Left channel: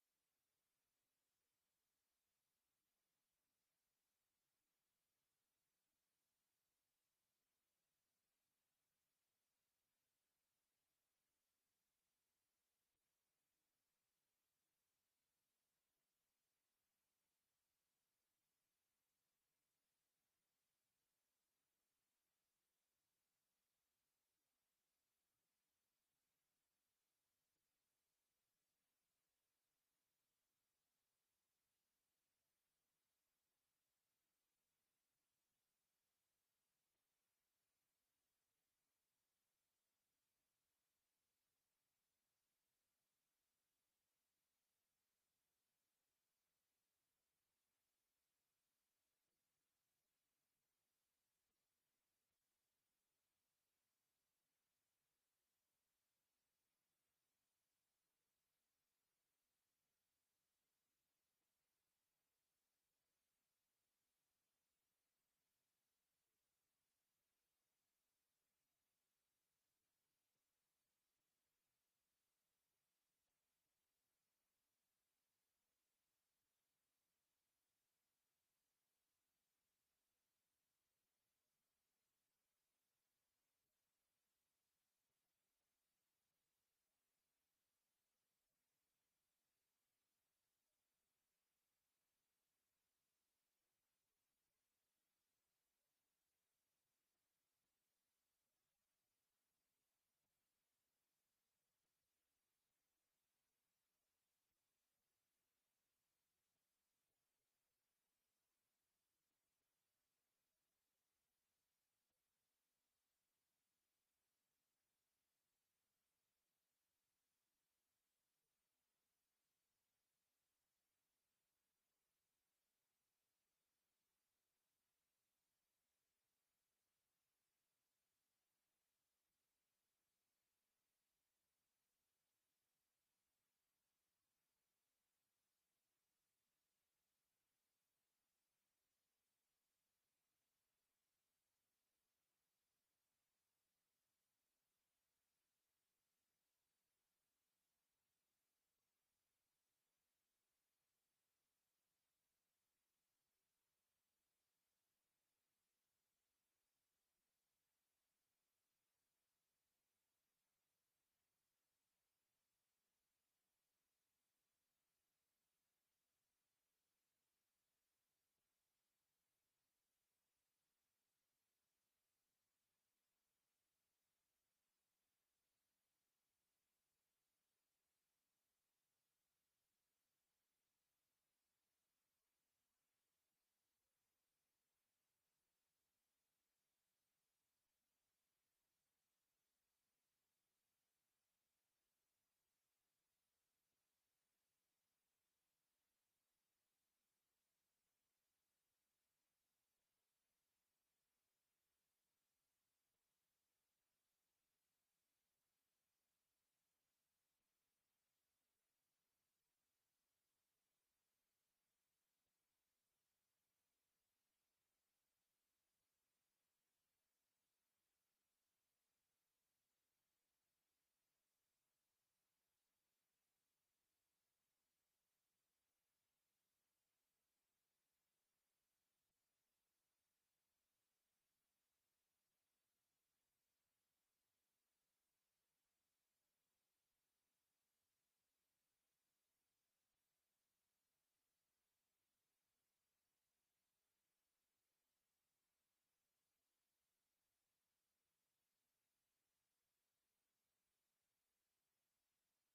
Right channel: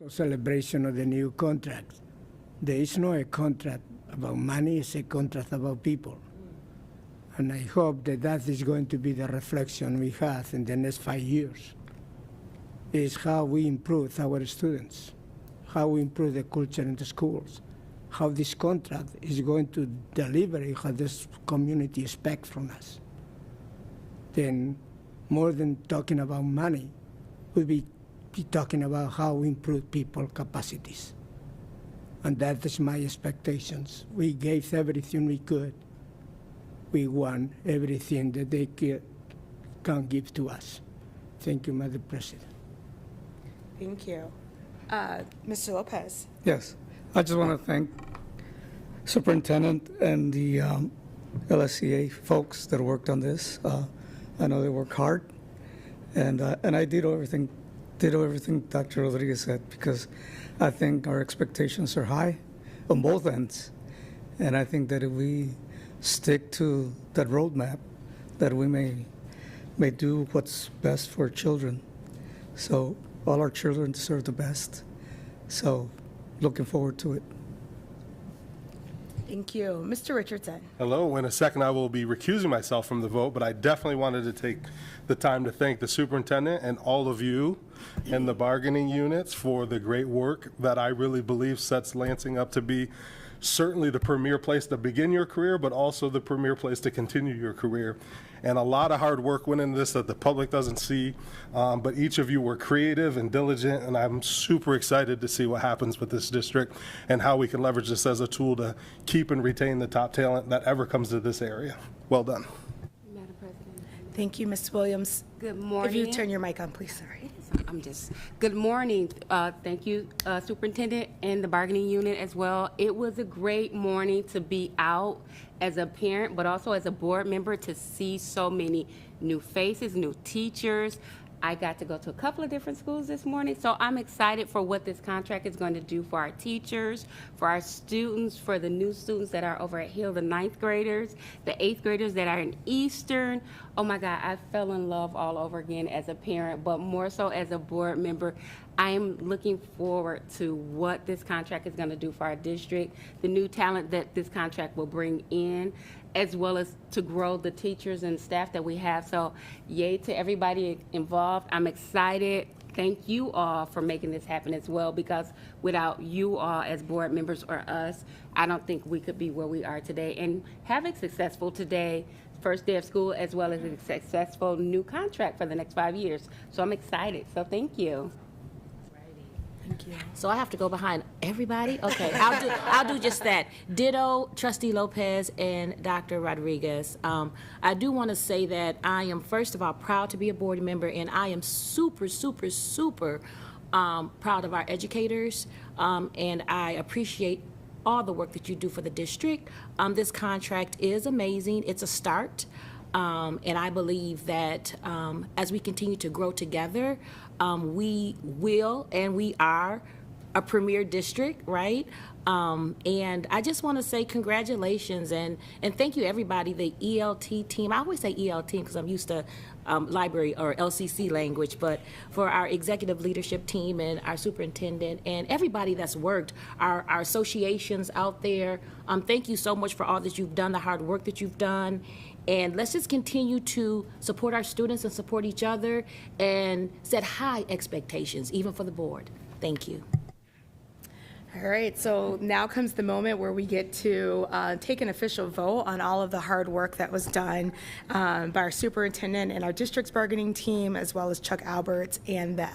So celebration of the new contract. There is no a contract about money, it's a contract about people. And I hope that that is going to be the reflection we have in the next 5 years, is how we improve our students, how we improve the culture in the schools, how this contract is going to deliver what this community expects from us. Then more than talking about money, we'll be talking about how we improve people capacities. And that is my expectations. We gave everything we could. We want everything that they can give to us. Thank you, Madam President. Thank you. Mr. Lopez. Yes, I just want to thank Superintendent and the LSCA folks that worked on this. I know they worked hard, and I did everything Dr. Rodriguez said, because I think our expectations are high on both ends, and I think that if we stick to that roadmap, that we may do what's best for children. So all our children deserve the best. So looking forward to it. Thank you. Mr. Richardson. Hello. In a second, I will be recusing myself from the vote, but I definitely wanted to take the time to thank the superintendent and all of you and the bargaining units for the great work that I really believe sets Lansing up to be certainly the premier place to begin your career, but also the premier place to continue your career. And a lot of hard work went into this that the public doesn't see, but each of you were creative and diligent, and I'm super excited to see what happens with this district and how we can leverage this as a tool to keep and retain the top talent that ever comes to this area. Well done. Madam President. Thank you, Ms. Williams. Good morning. If you turn your mic on, please. Sorry. Good morning. Thank you, Superintendent and the bargaining unit as well. It was a great morning to be out as a parent, but also as a board member, to see so many new faces, new teachers. I got to go to a couple of different schools this morning, so I'm excited for what this contract is going to do for our teachers, for our students, for the new students that are over at Hill, the 9th graders, the 8th graders that are in Eastern. Oh my God, I fell in love all over again as a parent, but more so as a board member. I am looking forward to what this contract is going to do for our district, the new talent that this contract will bring in, as well as to grow the teachers and staff that we have. So yay to everybody involved. I'm excited. Thank you all for making this happen as well, because without you all as board members or us, I don't think we could be where we are today and have a successful today, first day of school, as well as a successful new contract for the next 5 years. So I'm excited. So thank you. Thank you. So I have to go behind everybody? Okay, I'll do just that. Ditto, Trustee Lopez and Dr. Rodriguez. I do want to say that I am, first of all, proud to be a board member, and I am super, super, super proud of our educators, and I appreciate all the work that you do for the district. This contract is amazing. It's a start. And I believe that as we continue to grow together, we will and we are a premier district, right? And I just want to say congratulations and thank you, everybody, the ELT team. I always say ELT because I'm used to library or LCC language, but for our executive leadership team and our superintendent and everybody that's worked, our associations out there, thank you so much for all that you've done, the hard work that you've done. And let's just continue to support our students and support each other and set high expectations, even for the board. Thank you. All right, so now comes the moment where we get to take an official vote on all of the hard work that was done by our superintendent and our district's bargaining team, as well as Chuck Alberts and the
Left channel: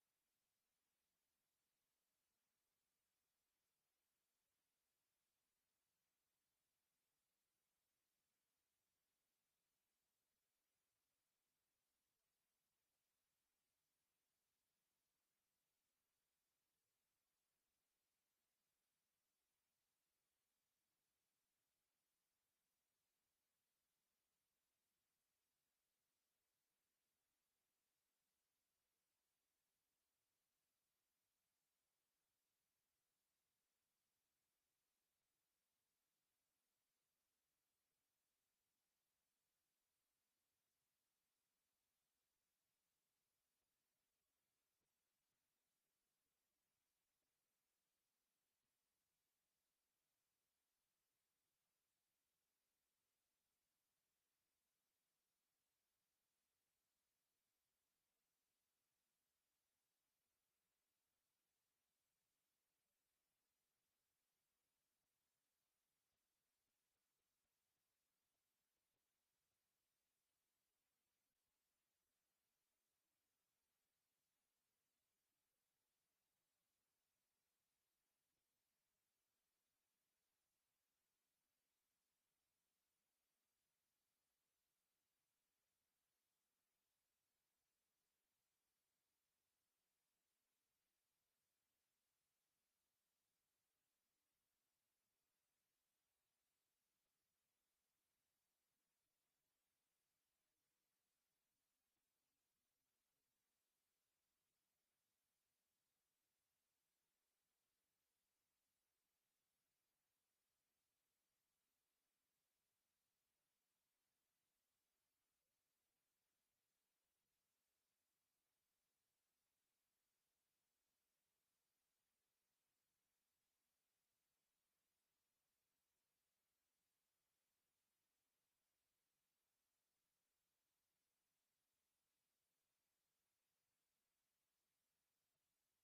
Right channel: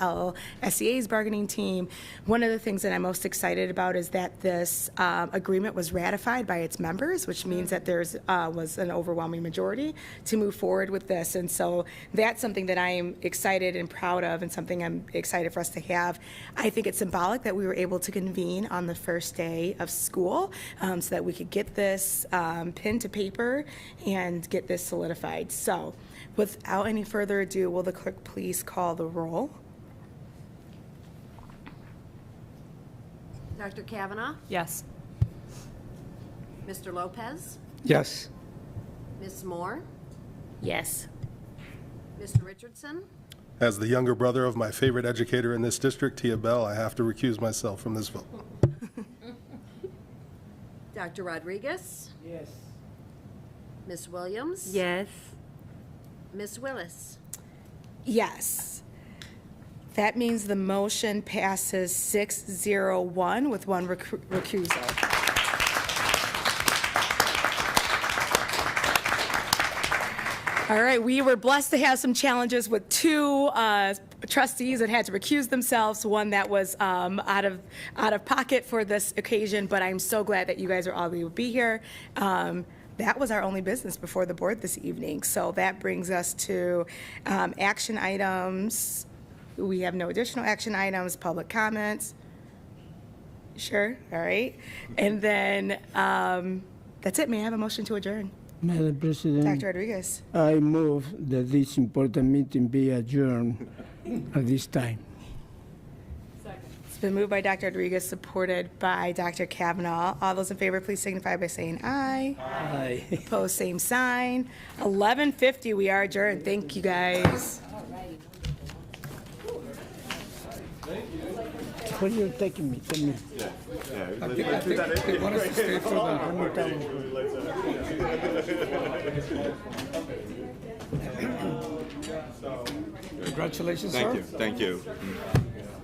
LSEA's bargaining team. One of the things that I'm most excited about is that this agreement was ratified by its members, which means that there's was an overwhelming majority to move forward with this. And so that's something that I am excited and proud of, and something I'm excited for us to have. I think it's symbolic that we were able to convene on the first day of school so that we could get this pen to paper and get this solidified. So without any further ado, will the clerk please call the roll? Dr. Kavanaugh? Yes. Mr. Lopez? Yes. Ms. Moore? Yes. Mr. Richardson? As the younger brother of my favorite educator in this district, Tia Bell, I have to recuse myself from this vote. Dr. Rodriguez? Yes. Ms. Williams? Yes. Ms. Willis? Yes. That means the motion passes 6-0-1 with one recusal. All right, we were blessed to have some challenges with two trustees that had to recuse themselves, one that was out of pocket for this occasion, but I'm so glad that you guys are all able to be here. That was our only business before the board this evening, so that brings us to action items. We have no additional action items, public comments. Sure, all right. And then that's it. May I have a motion to adjourn? Madam President, Dr. Rodriguez. I move that this important meeting be adjourned at this time. It's been moved by Dr. Rodriguez, supported by Dr. Kavanaugh. All those in favor, please signify by saying aye. Aye. Opposed, same sign. 11:50, we are adjourned. Thank you, guys. Where are you taking me? Tell me. I think they want us to stay for the. Congratulations, sir. Thank you. Thank you.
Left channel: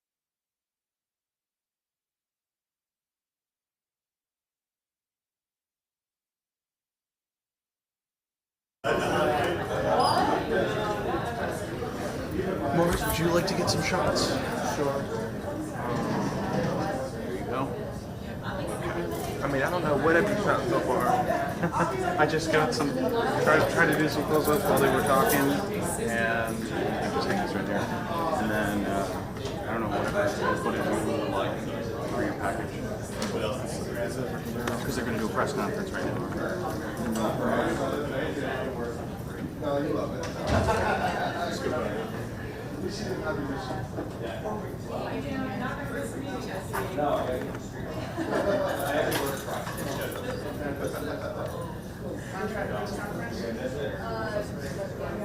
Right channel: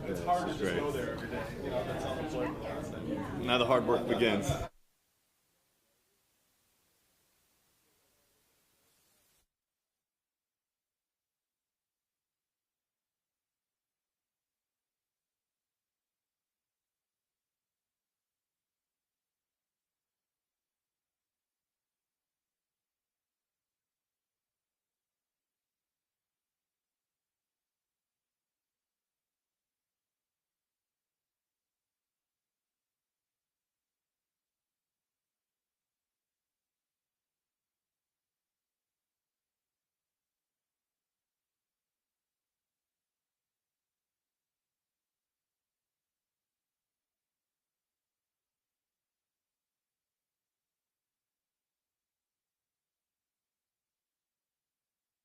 It's hard to just Great. go there every day. You know, that's all it's like. Now the hard work begins. Morris, would you like to get some shots? Sure. There you go. I mean, I don't know what have you shot so far. I just got some, tried to do some close-ups while they were talking, and just take this right there. And then, I don't know what it is, like, for your package. Because they're going to do a press conference right now.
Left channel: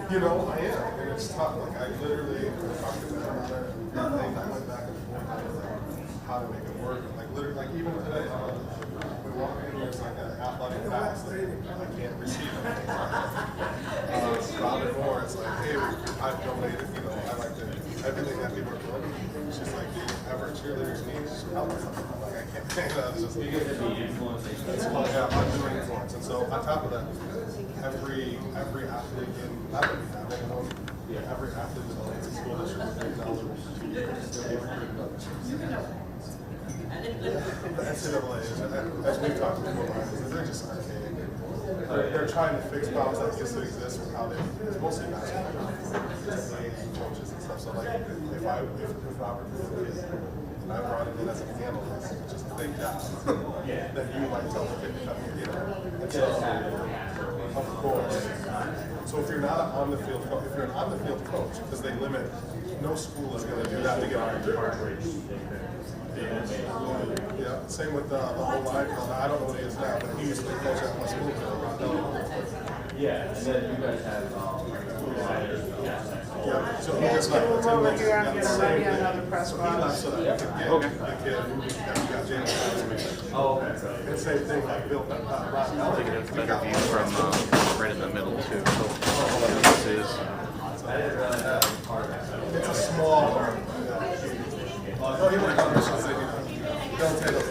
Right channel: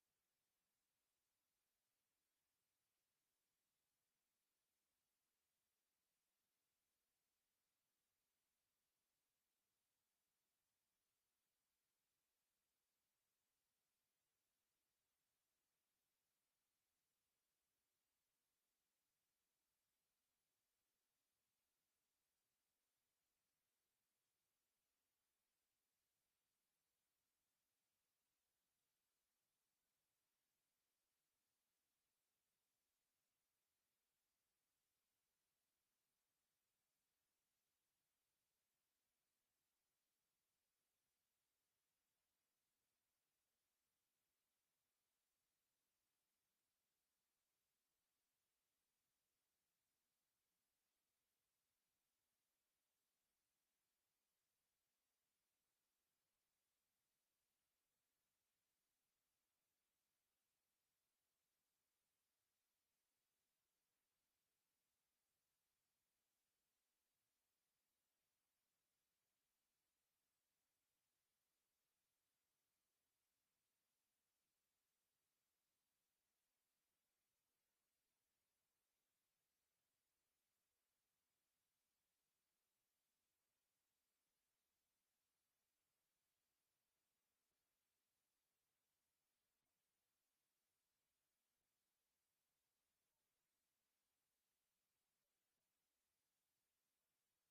You know, I am, and it's tough. Like, I literally talked to them about it. I went back and forth on how to make it work. Like, literally, like even today, we walk in, there's like an athletic pass that I can't receive anything. Robin Moore, it's like, hey, I've donated, you know, I like to, everything that people are doing. She's like, do you ever cheerleaders need help or something? I'm like, I can't think of that. It's just, it's like, yeah, I'm doing influence. And so, on top of that, every athlete in, not that we have anyone, every athlete in the Lansing School District is eligible for 2 years. The NCAA, as we've talked before, they're just archaic. They're trying to fix problems that used to exist with how they, it's mostly basketball, coaches and stuff. So like, if Robert was a kid, and I brought him in as an analyst, which is a big job, then you might tell the kid to come here, you know. And so, of course. So if you're not on the field, if you're an on the field coach, because they limit, no school is going to do that to get on your Yeah, same with the whole line. I don't know what he is now, but he used to coach at my school. Yeah, and then you guys have yeah, so he just left the 10 minutes. He got the same thing. So he left so that he could get the kid that we got James. Oh, okay. And same thing like Bill. I'll take it as a better view from right in the middle too. So what this is. It's a small part. Oh, he went on this thing. Don't take it.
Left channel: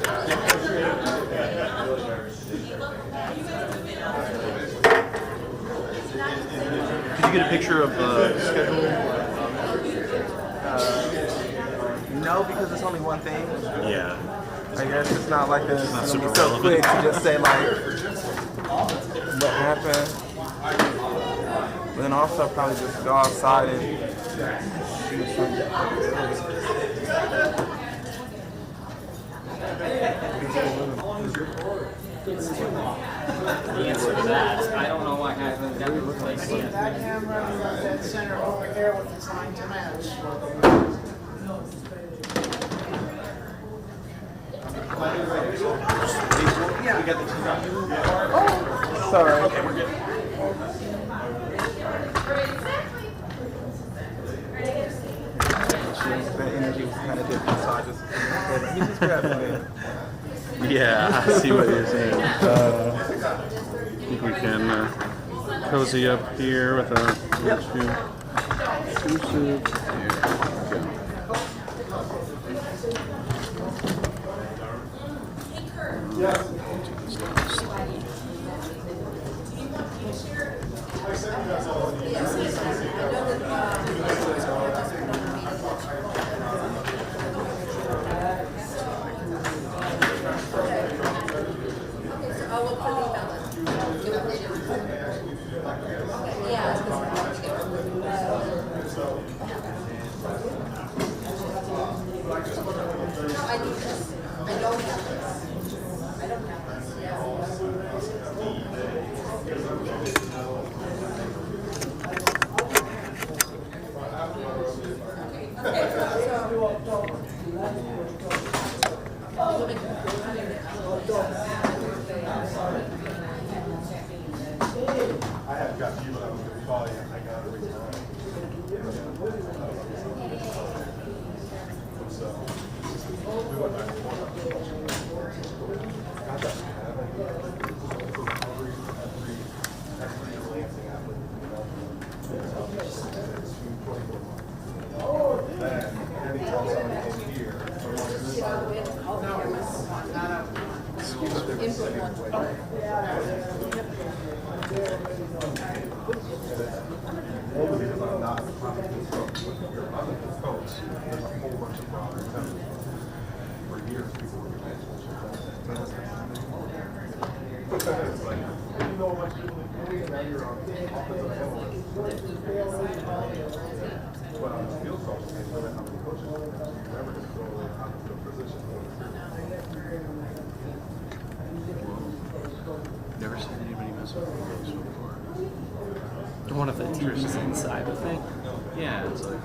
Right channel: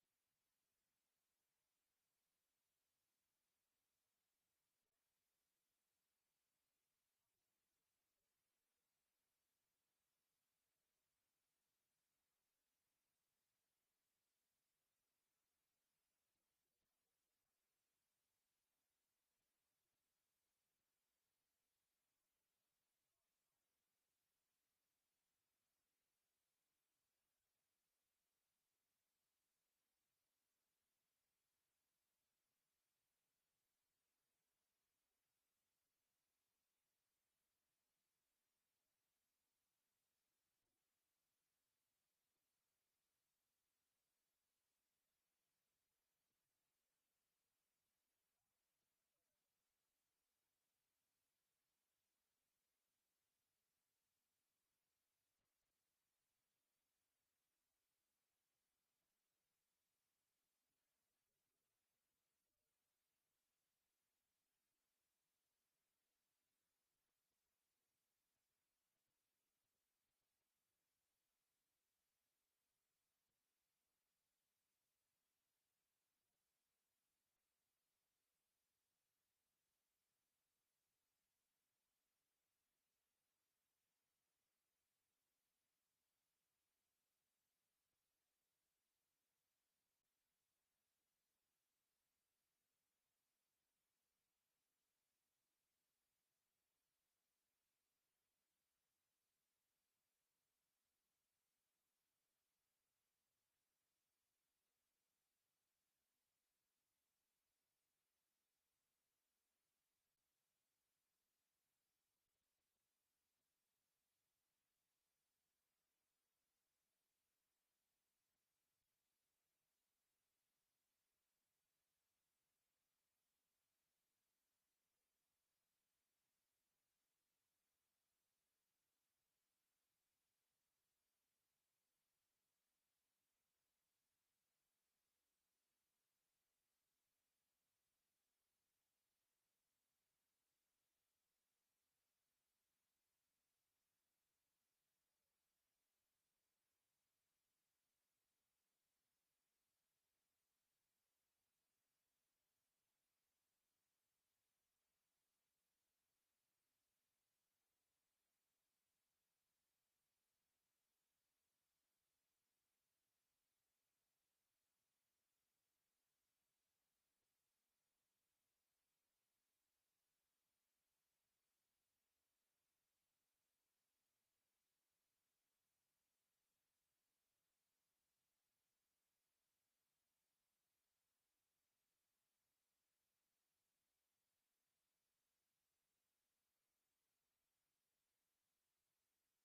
Could you get a picture of the schedule? No, because it's only one thing. Yeah. I guess it's not like it's not gonna super be so relevant. quick to just say like what happened. But then also probably just go outside and shoot something. I don't know what happened. That looks like that camera in that center over there with the sign to match. We got the oh, sorry. Okay, we're good. Yeah, I see what you're saying. I think we can cozy up here with our two suits. Never seen anybody mess with photos before. One of the teachers is inside, I think. Yeah, it's like.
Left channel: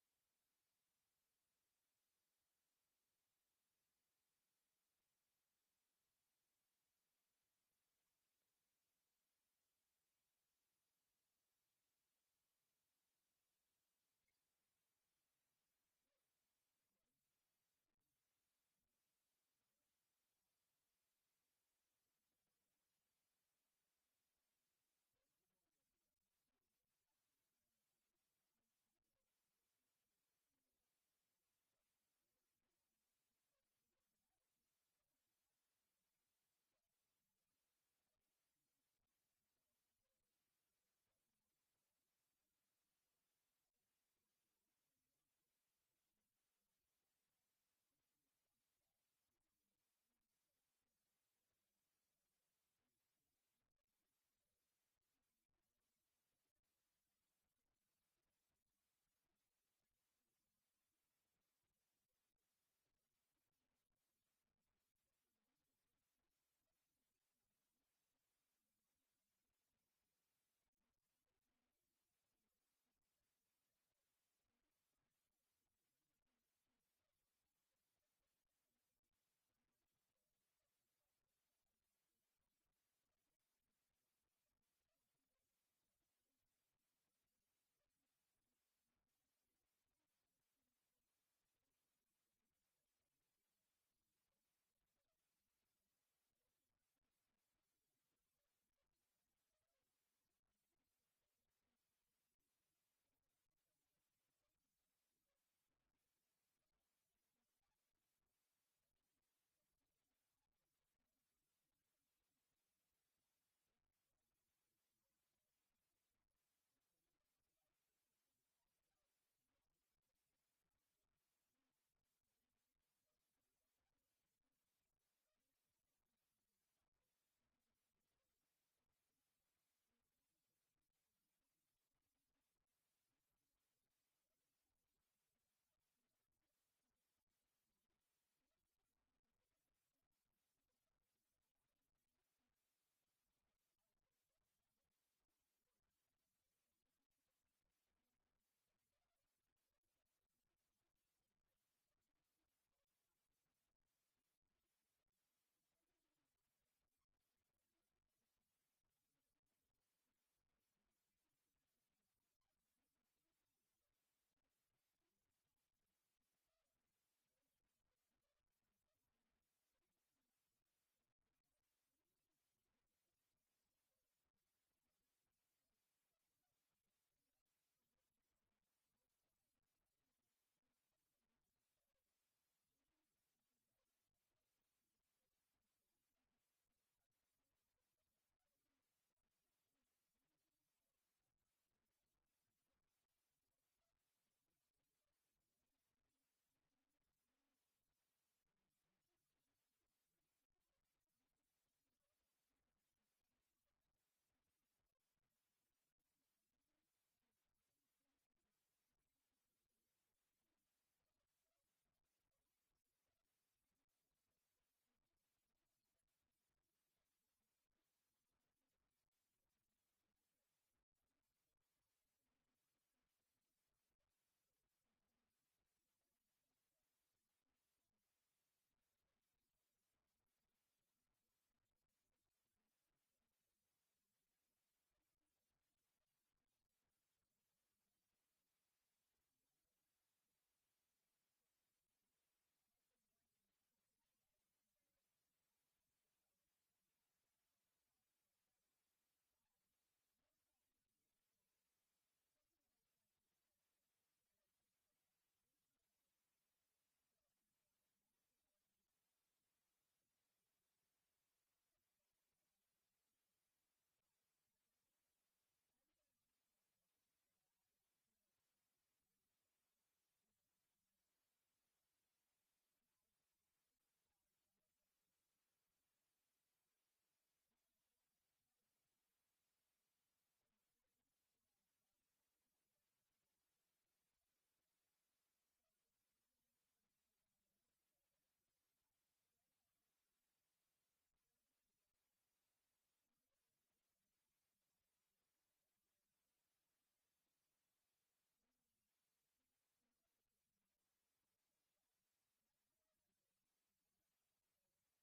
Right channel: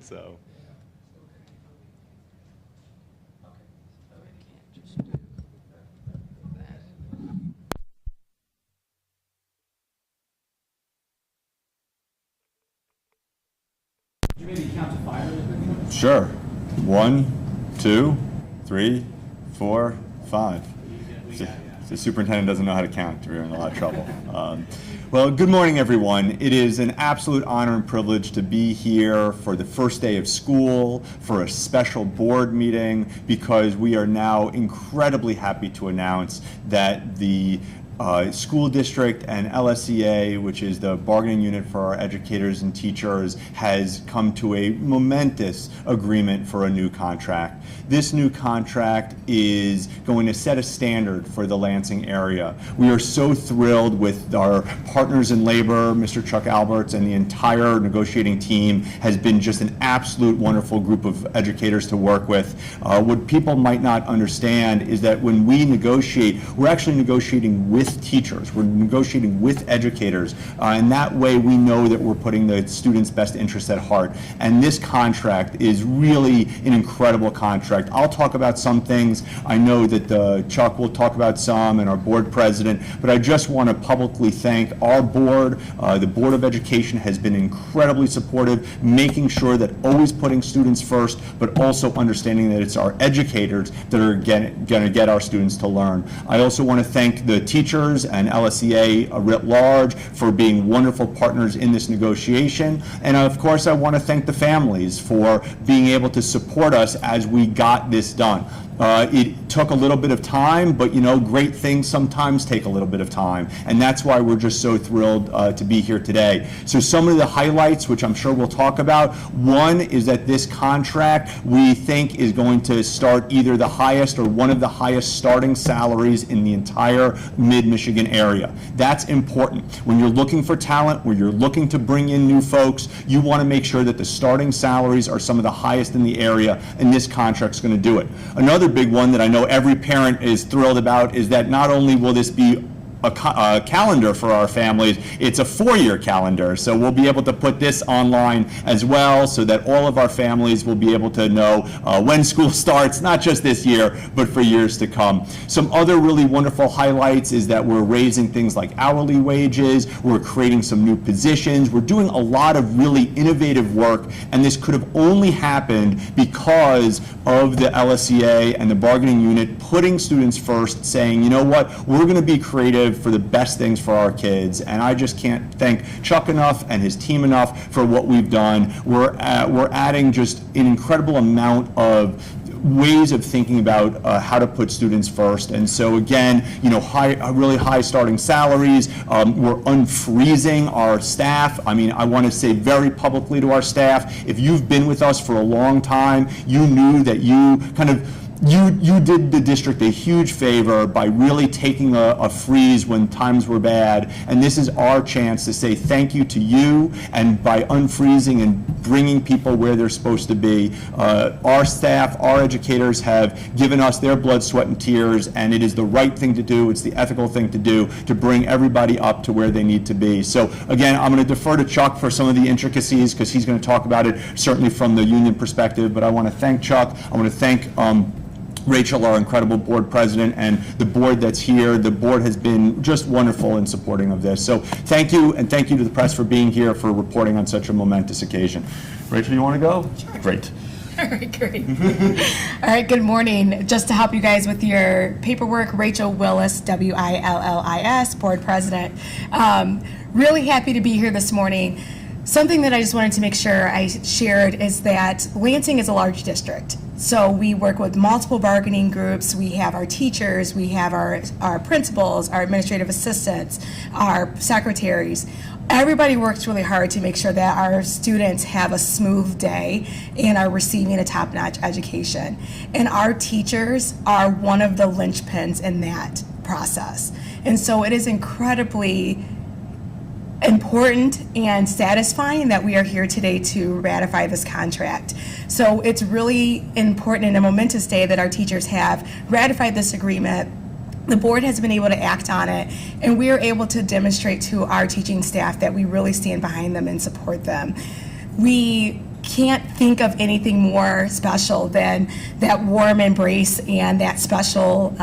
So. Could you maybe count to 5 really quickly? Sure. 1, 2, 3, 4, 5. The superintendent doesn't know how to count. We're in a lot of trouble. Well, good morning, everyone. It is an absolute honor and privilege to be here for the first day of school, for a special board meeting, because we are now incredibly happy to announce that the School District and LSEA, which is the bargaining unit for our educators and teachers, has come to a momentous agreement for a new contract. This new contract is going to set a standard for the Lansing area. We are so thrilled with our partners in labor. Mr. Chuck Alberts and the entire negotiating team has been just an absolute wonderful group of educators to work with. What people might not understand is that when we negotiate, we're actually negotiating with teachers. We're negotiating with educators. And that way we know that we're putting the students' best interests at heart. And this contract is really an incredible contract. I'll talk about some things. I know that Chuck will talk about some, and our board president, but I just want to publicly thank our board. The Board of Education has been incredibly supportive, making sure that always putting students first, but also understanding that it's our educators that are going to get our students to learn. I also want to thank the teachers and LSEA writ large for being wonderful partners in this negotiation. And of course, I want to thank the families for being able to support us as we got this done. It took a little bit of time, but you know, great things sometimes take a little bit of time, and that's why we're just so thrilled to be here today. So some of the highlights, which I'm sure we'll talk about, one is that this contract we think is going to start either the highest or one of the highest starting salaries in the entire mid-Michigan area. That's important. When you're looking for talent, when you're looking to bring in new folks, you want to make sure that the starting salaries are some of the highest in the area, and this contract's going to do it. Another big one that I know every parent is thrilled about is that not only will this be a calendar for our families, it's a 4-year calendar. So we'll be able to put this online as well so that all of our families will be able to know when school starts, not just this year, but for years to come. Some other really wonderful highlights is that we're raising things like hourly wages, we're creating some new positions, we're doing a lot of really innovative work, and this could have only happened because of the LSEA and the bargaining unit putting students first, saying, you know what, we're going to be creative for the best things for our kids. And I just can't thank Chuck enough and his team enough for what we've done. We're adding just an incredible amount of ways of thinking about how to put students first. And so again, you know, really high starting salaries. We're unfreezing our staff. I mean, I want to say very publicly to our staff, if you've been with us for a long time, you knew that you kind of you did the district a huge favor by really taking a freeze when times were bad, and this is our chance to say thank you to you, and by unfreezing and bringing people where they're supposed to be. Our staff, our educators have given us their blood, sweat, and tears, and it is the right thing to do, it's the ethical thing to do, to bring everybody up to where they need to be. So again, I'm going to defer to Chuck for some of the intricacies, because he's going to talk about it certainly from the union perspective, but I want to thank Chuck. I want to thank Rachel, our incredible board president, and the board that's here. The board has been just wonderful in supporting of this. So thank you, and thank you to the press for being here, for reporting on such a momentous occasion. Rachel, you want to go? Sure. Great. All right, great. All right, good morning. Just to help you guys with your paperwork, Rachel Willis, W-I-L-L-I-S, board president. Really happy to be here this morning. Something that I just wanted to make sure I shared is that Lansing is a large district. So we work with multiple bargaining groups. We have our teachers, we have our principals, our administrative assistants, our secretaries. Everybody works really hard to make sure that our students have a smooth day and are receiving a top-notch education. And our teachers are one of the linchpins in that process. And so it is incredibly important and satisfying that we are here today to ratify this contract. So it's really important and a momentous day that our teachers have ratified this agreement. The board has been able to act on it, and we are able to demonstrate to our teaching staff that we really stand behind them and support them. We can't think of anything more special than that warm embrace and that special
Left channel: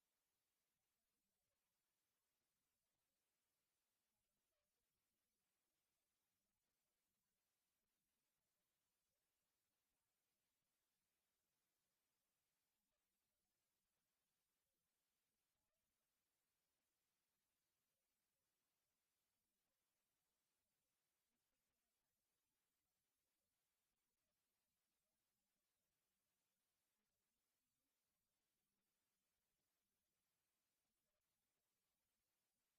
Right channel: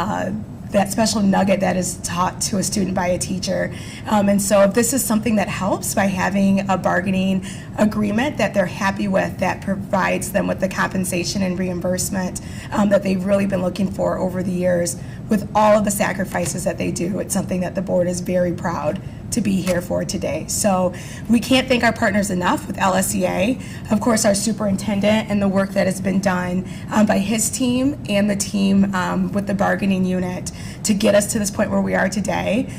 nugget that is taught to a student by a teacher. And so if this is something that helps by having a bargaining agreement that they're happy with, that provides them with the compensation and reimbursement that they've really been looking for over the years, with all of the sacrifices that they do. It's something that the board is very proud to be here for today. So we can't thank our partners enough with LSEA, of course our superintendent and the work that has been done by his team and the team with the bargaining unit to get us to this point where we are today.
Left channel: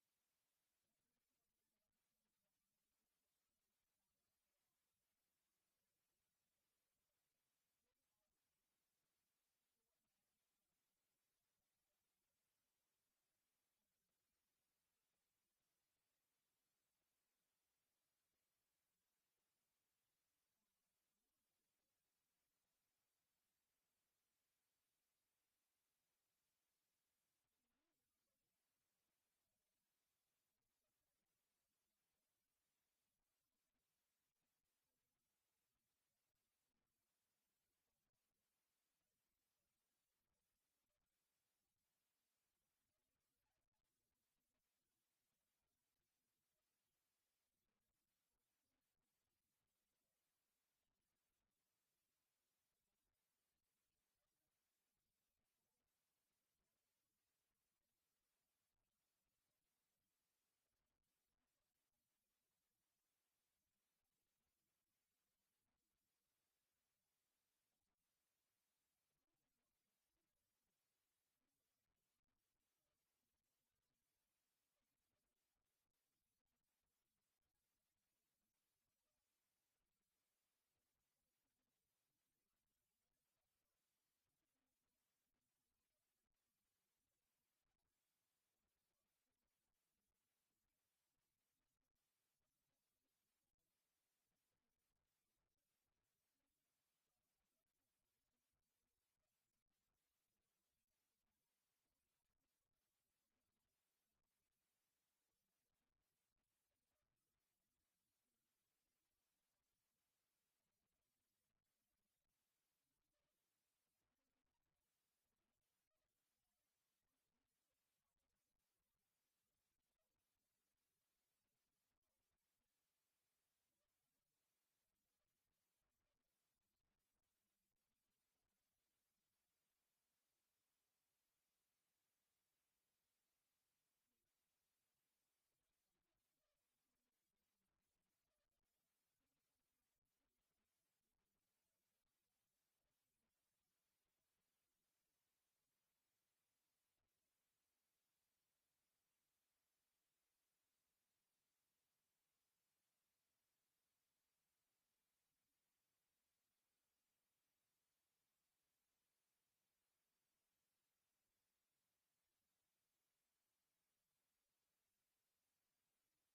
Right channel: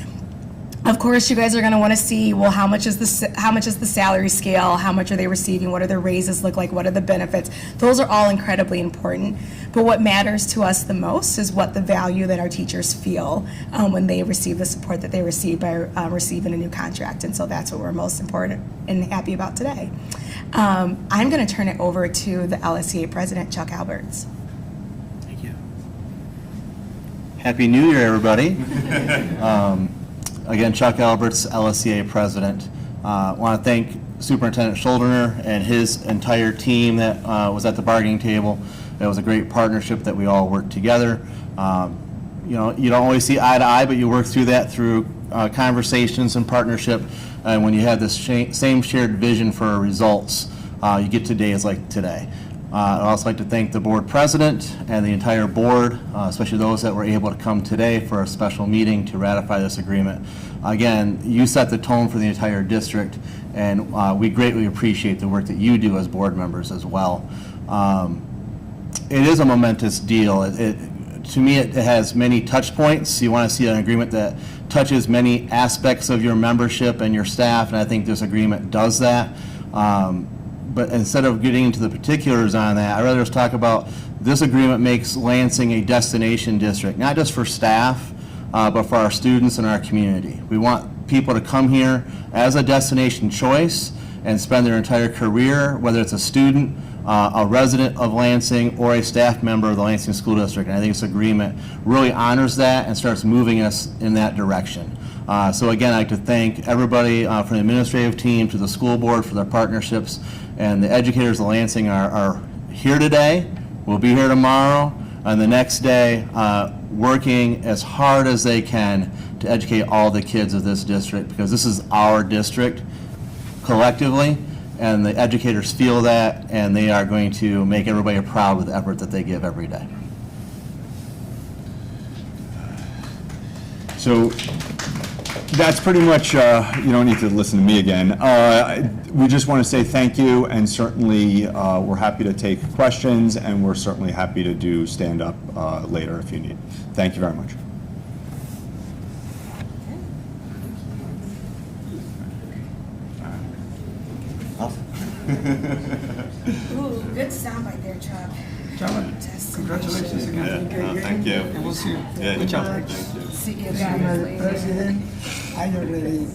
Of course, you guys are going to want to see, well, how much is the salary scale? How much are they receiving? What do their raises look like? What are the benefits? Those are all incredibly important. But what matters to us the most is what the value that our teachers feel when they receive the support that they receive by receiving a new contract. And so that's what we're most important and happy about today. I'm going to turn it over to the LSEA President, Chuck Alberts. Thank you. Happy New Year, everybody. Again, Chuck Alberts, LSEA President. I want to thank Superintendent Shuldiner and his entire team that was at the bargaining table. It was a great partnership that we all worked together. You know, you don't always see eye to eye, but you work through that through conversations and partnership. And when you have this same shared vision for results, you get to days like today. I'd also like to thank the board president and the entire board, especially those that were able to come today for a special meeting to ratify this agreement. Again, you set the tone for the entire district, and we greatly appreciate the work that you do as board members as well. It is a momentous deal. To me, it has many touch points. You want to see an agreement that touches many aspects of your membership and your staff, and I think this agreement does that. But instead of getting into the particulars on that, I'd rather just talk about this agreement makes Lansing a destination district, not just for staff, but for our students and our community. We want people to come here as a destination choice and spend their entire career, whether it's a student, a resident of Lansing, or a staff member of the Lansing School District. And I think this agreement really honors that and starts moving us in that direction. So again, I'd like to thank everybody from the administrative team to the school board for their partnerships, and the educators of Lansing are here today, will be here tomorrow, and the next day working as hard as they can to educate all the kids of this district, because this is our district collectively, and the educators feel that, and they are going to make everybody proud with the effort that they give every day. So that's pretty much, you don't need to listen to me again. We just want to say thank you, and certainly we're happy to take questions, and we're certainly happy to do stand-up later if you need. Thank you very much. Ooh, good soundbite there, Chuck. Gentlemen, congratulations again. Yeah, thank you. And we'll see you. Yeah, Good job. thank you. See you guys later. President, I already